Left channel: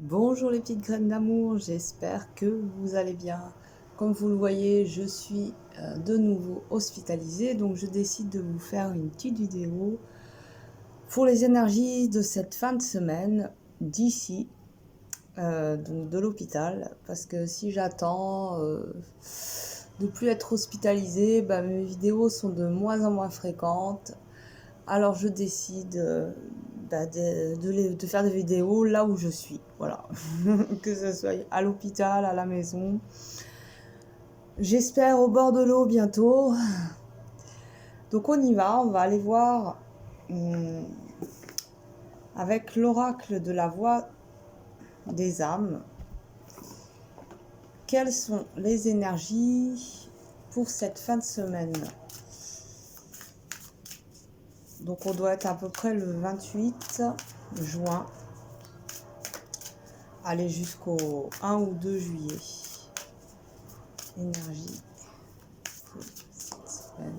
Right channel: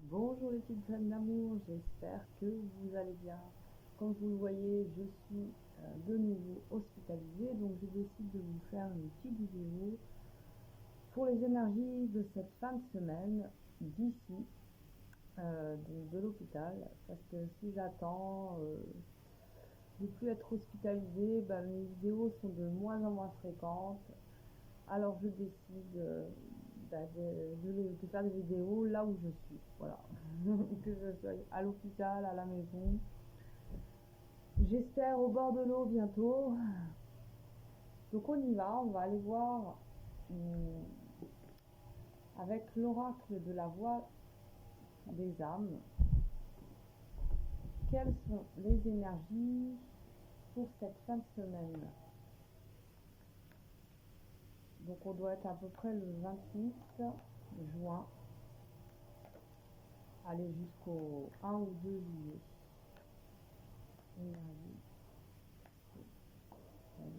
Bonjour les petites graines d'amour, j'espère que vous allez bien. Comme vous le voyez, je suis de nouveau hospitalisée, donc je décide de vous faire une petite vidéo pour les énergies de cette fin de semaine d'ici, donc de l'hôpital, parce que si j'attends de plus être hospitalisée, mes vidéos sont de moins en moins fréquentes. Alors je décide de faire des vidéos là où je suis, voilà. Que ce soit à l'hôpital, à la maison. J'espère au bord de l'eau bientôt. Donc on y va, on va aller voir avec l'oracle de la voix des âmes. Quelles sont les énergies pour cette fin de semaine? Donc on doit être à peu près le 28 juin. Aller jusqu'au 1 ou 2 juillet. Énergie pour cette semaine.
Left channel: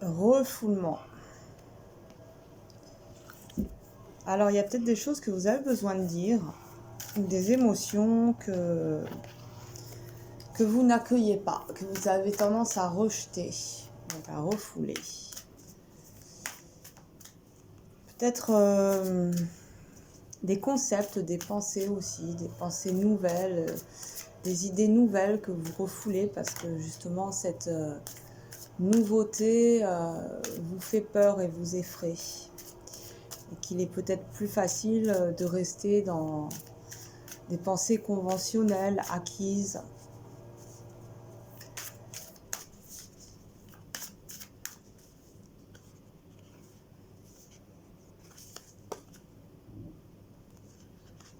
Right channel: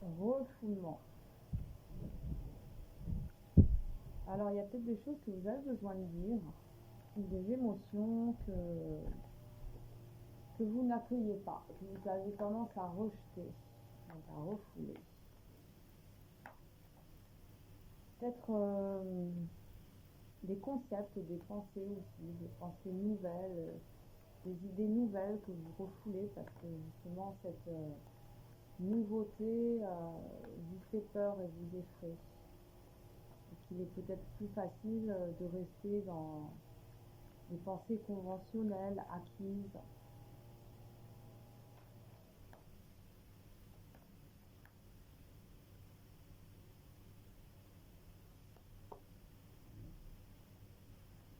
Refoulement. Alors, il y a peut-être des choses que vous avez besoin de dire, des émotions que vous n'accueillez pas, que vous avez tendance à rejeter, donc à refouler. Peut-être des concepts, des pensées aussi, des pensées nouvelles, des idées nouvelles que vous refoulez parce que justement cette nouveauté vous fait peur et vous effraie. Et qu'il est peut-être plus facile de rester dans des pensées conventionnelles, acquises.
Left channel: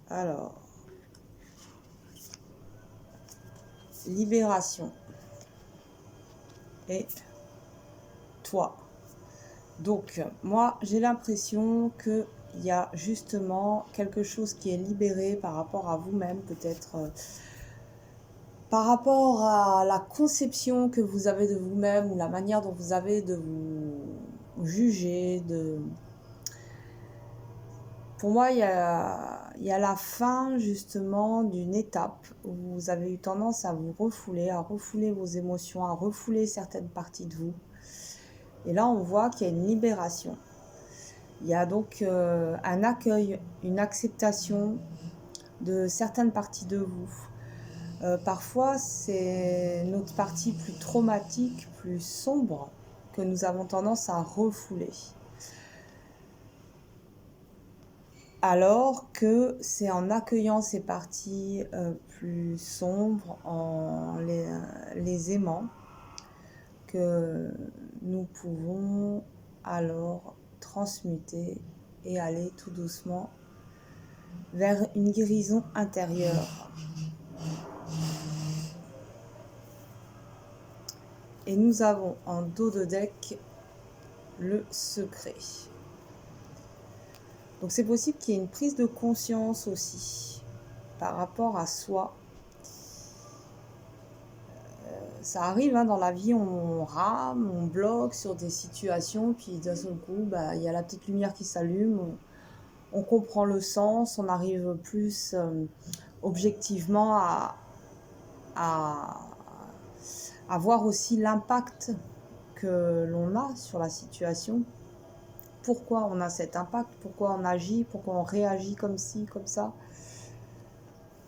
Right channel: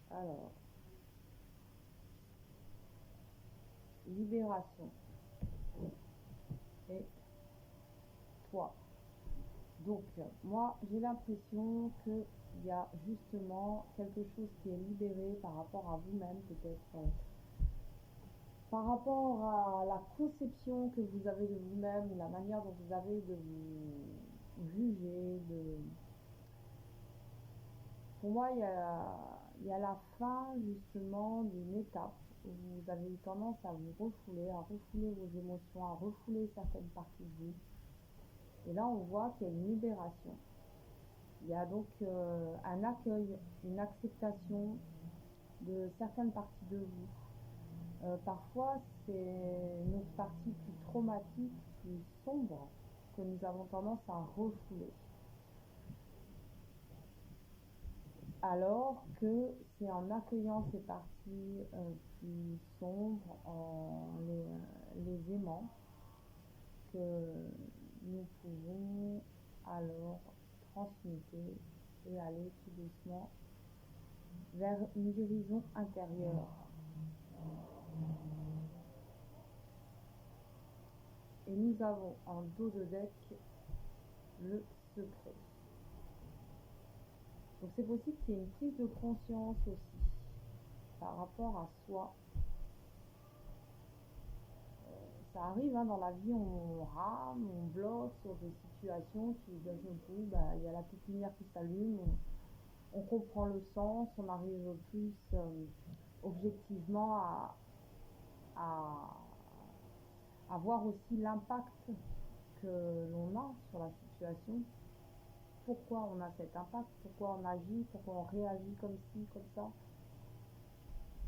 Alors, libération. Et toi. Donc, moi, j'ai l'impression qu'il y a justement quelque chose qui est libéré par rapport à vous-même, peut-être par rapport à la conception que vous avez de vous-même ou la manière dont vous avez de vous juger. Pour moi, il y a la fin justement d'une étape où vous avez eu tendance à vous refouler, à refouler vos émotions, à refouler certaines parties de vous. Et là, on voit qu'il y a une libération. Il y a donc un accueil, une acceptation de certaines parties de vous. Parfois, c'est notre partie plus traumatique, plus sombre, que nous avons tendance à refouler. Alors que c'est en accueillant ces parties plus sombres, en les aimant, que nous pouvons alors transmuter et aller tout doucement vers une guérison intérieure. Et nous avons en dos de deck le secret. Donc c'est possible qu'il y ait une prise de conscience aussi par rapport à soi. Ça arrive dans la vie, on rame, on bloque sur des situations, puis d'un seul coup, il y a la petite lumière qui s'allume, on comprend le sens, on arrive plus objectivement à voir aussi l'impact que l'on a sur la situation. Pourquoi on a cet impact, pourquoi on agit, pourquoi on réagit comme ci, comme ça.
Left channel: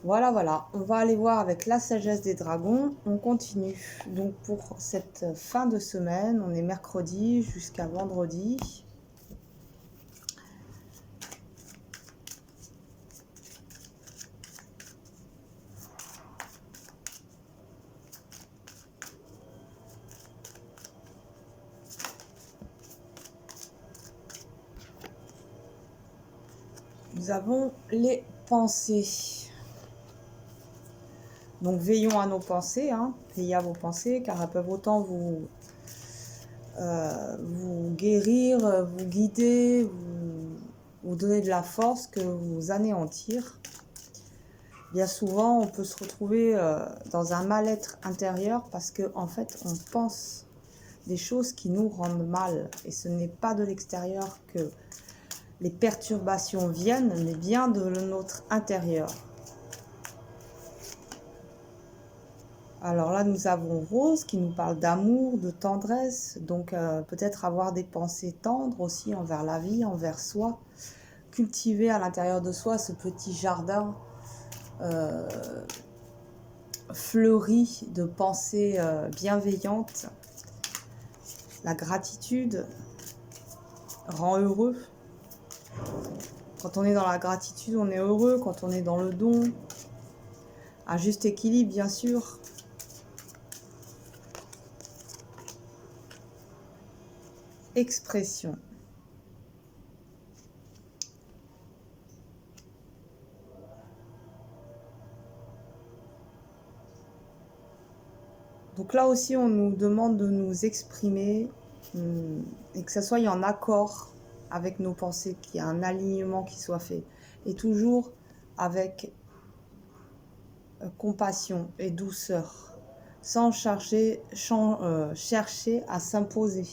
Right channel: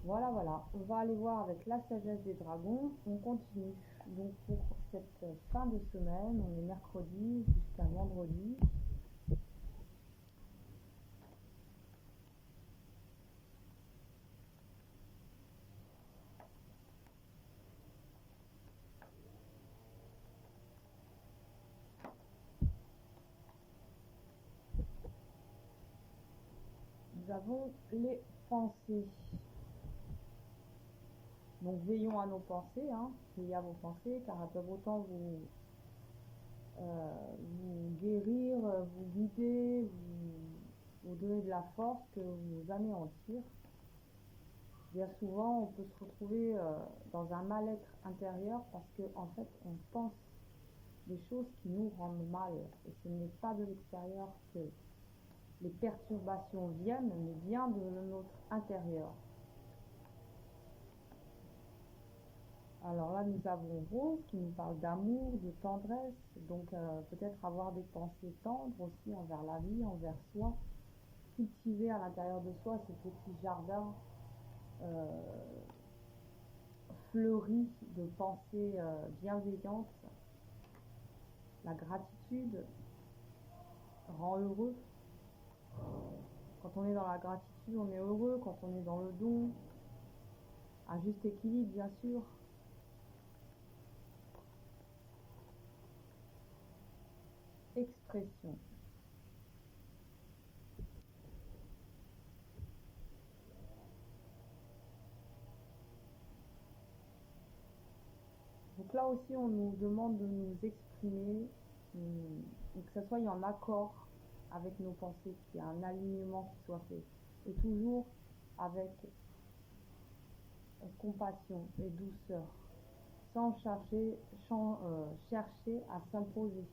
Voilà, on va aller voir avec la sagesse des dragons, on continue. Donc pour cette fin de semaine, on est mercredi jusqu'à vendredi. Nous avons les pensées. Donc veillons à nos pensées, veillez à vos pensées, car elles peuvent autant vous guérir, vous guider, vous donner de la force que vous anéantir. Bien souvent, on peut se retrouver dans un mal-être intérieur parce que en fait, on pense des choses qui nous rendent mal. Et ce n'est pas de l'extérieur que les perturbations viennent, mais bien de notre intérieur. Alors là, nous avons Rose qui nous parle d'amour, de tendresse, donc peut-être avoir des pensées tendres aussi envers la vie, envers soi, cultiver à l'intérieur de soi ce petit jardin fleuri de pensées bienveillantes. La gratitude rend heureux. Quand on est dans la gratitude, on est heureux. Quand on est dans le don, un juste équilibre, bien sûr. Expression. Donc là aussi, on nous demande de nous exprimer et que ça soit en accord avec nos pensées, qu'il y ait un alignement qui soit fait. Et toujours avec compassion et douceur, sans chercher à s'imposer.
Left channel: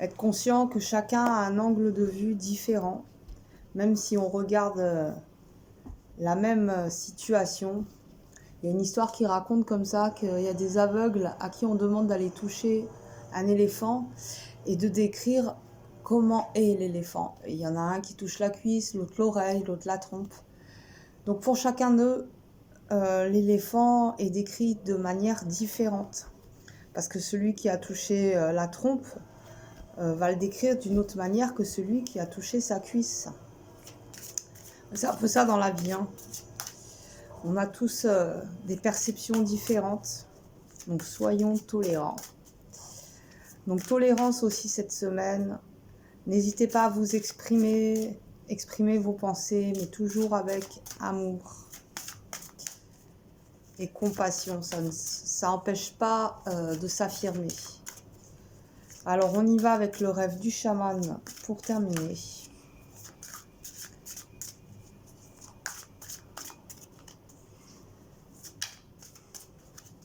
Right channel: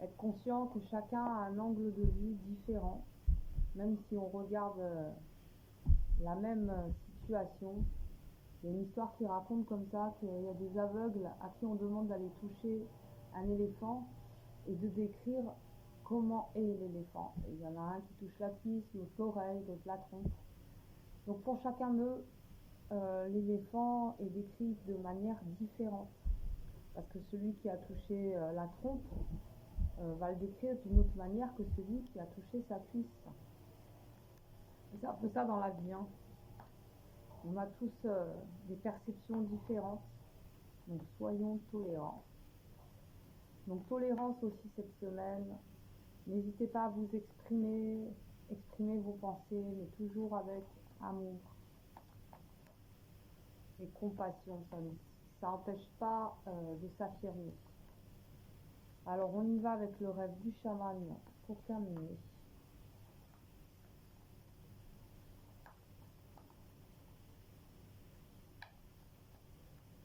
Être conscient que chacun a un angle de vue différent, même si on regarde la même situation. Il y a une histoire qui raconte comme ça qu'il y a des aveugles à qui on demande d'aller toucher un éléphant et de décrire comment est l'éléphant. Il y en a un qui touche la cuisse, l'autre l'oreille, l'autre la trompe. Donc pour chacun d'eux, l'éléphant est décrit de manière différente. Parce que celui qui a touché la trompe va le décrire d'une autre manière que celui qui a touché sa cuisse. C'est un peu ça dans la vie. Hein. On a tous des perceptions différentes. Donc soyons tolérants. Donc tolérance aussi cette semaine. N'hésitez pas à vous exprimer vos pensées, mais toujours avec amour et compassion. Ça n'empêche pas de s'affirmer. Alors on y va avec le rêve du chaman pour terminer.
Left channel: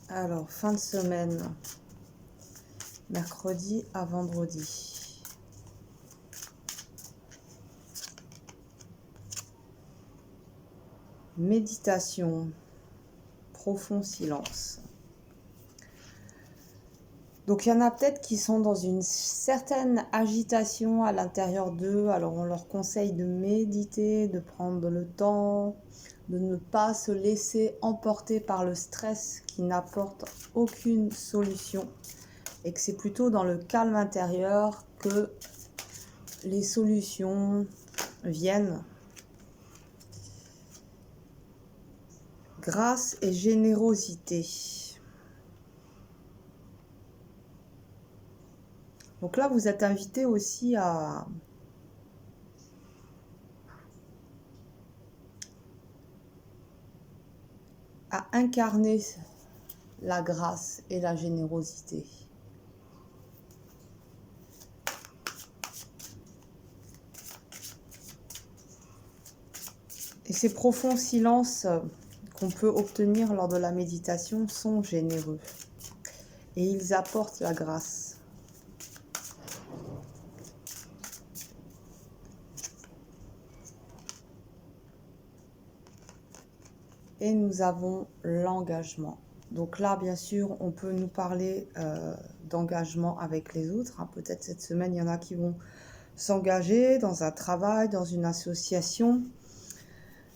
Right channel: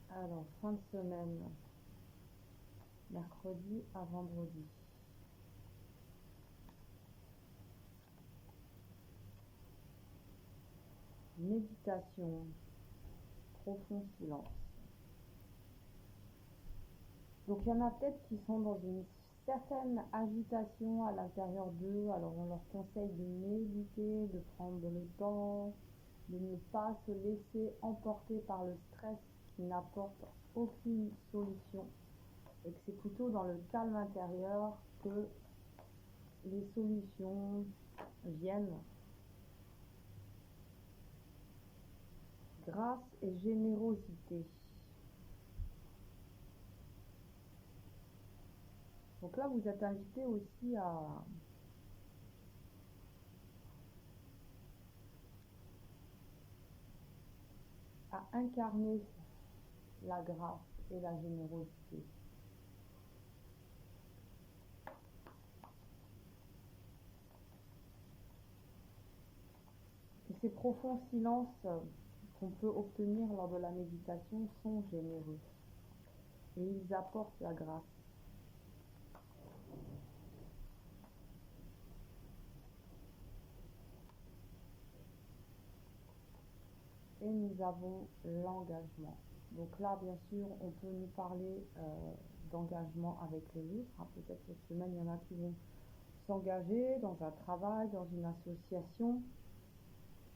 Alors fin de semaine, mercredi à vendredi. Méditation, profond silence. Donc il y en a peut-être qui sont dans une certaine agitation à l'intérieur d'eux. Alors on leur conseille de méditer, de prendre le temps, de ne pas se laisser emporter par le stress qui n'apporte aucune solution. Et que c'est plutôt dans le calme intérieur que les solutions viennent. Grâce et générosité. Donc là, vous êtes invité aussi à incarner la grâce et la générosité. Et ces profonds silences qu'on peut obtenir lors de la méditation sont généreux. Et ils apportent la grâce. Et nous avons l'engagement. Donc là, bien sûr, on peut nous parler d'engagement avec les autres. Hein. Peut-être cette semaine, il y en a qui vont s'engager dans un travail, dans une association.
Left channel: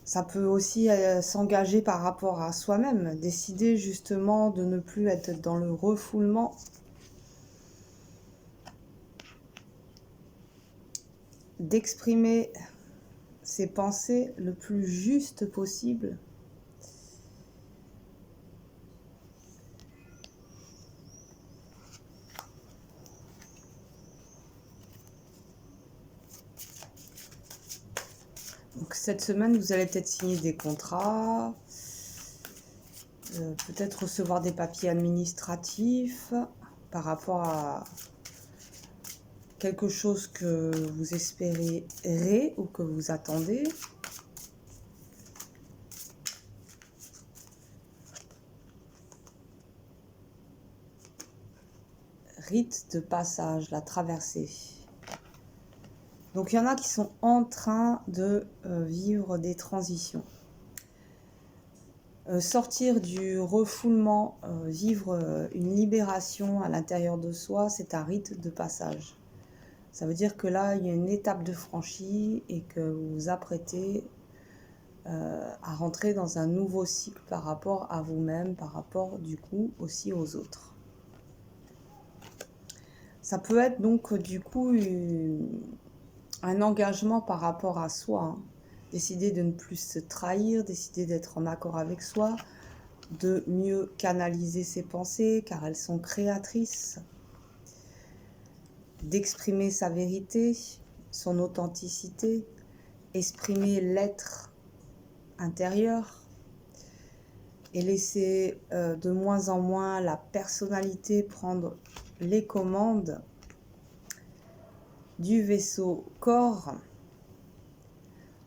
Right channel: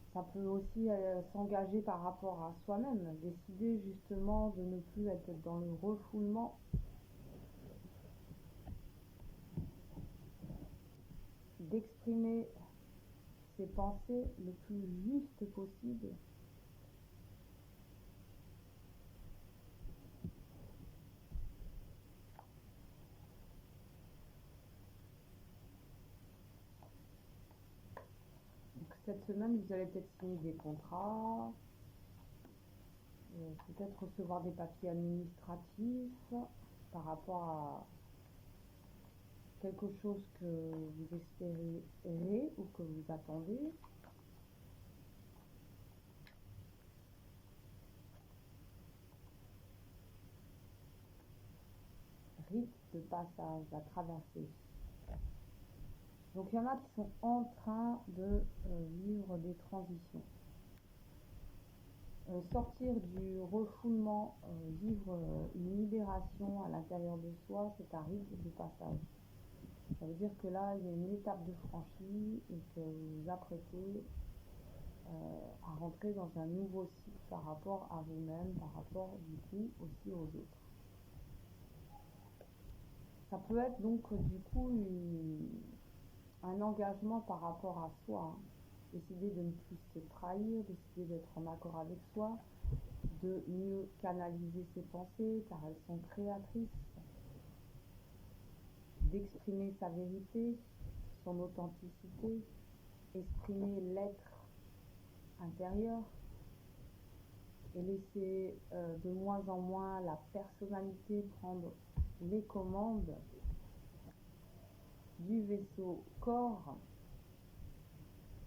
Ça peut aussi s'engager par rapport à soi-même, décider justement de ne plus être dans le refoulement. D'exprimer ses pensées le plus juste possible. Donc cette semaine, vous allez peut-être signer des contrats, peut-être recevoir des papiers administratifs par rapport à quelque chose que vous espérez ou que vous attendez. Rite de passage, la traversée. Donc il y en a qui sont en train de vivre des transitions. Sortir du refoulement, vivre une libération à l'intérieur de soi, c'est un rite de passage. Ça veut dire que là, il y a une étape de franchie et que vous vous apprêtez à rentrer dans un nouveau cycle par rapport à vous-même, par rapport du coup aussi aux autres. Ça peut être donc du coup un engagement par rapport à soi, hein. Décider de ne plus se trahir, décider d'être en accord avec soi, de mieux canaliser ses pensées car elles sont créatrices, d'exprimer sa vérité, son authenticité, exprimer l'être intérieur et laisser de moins en moins la personnalité prendre les commandes du vaisseau corps.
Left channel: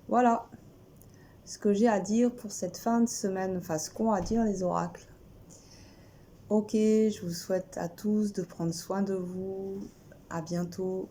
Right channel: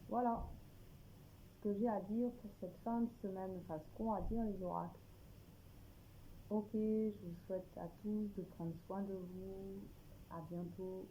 Voilà ce que j'ai à dire pour cette fin de semaine, enfin ce qu'ont à dire les oracles. Ok, je vous souhaite à tous de prendre soin de vous. À bientôt.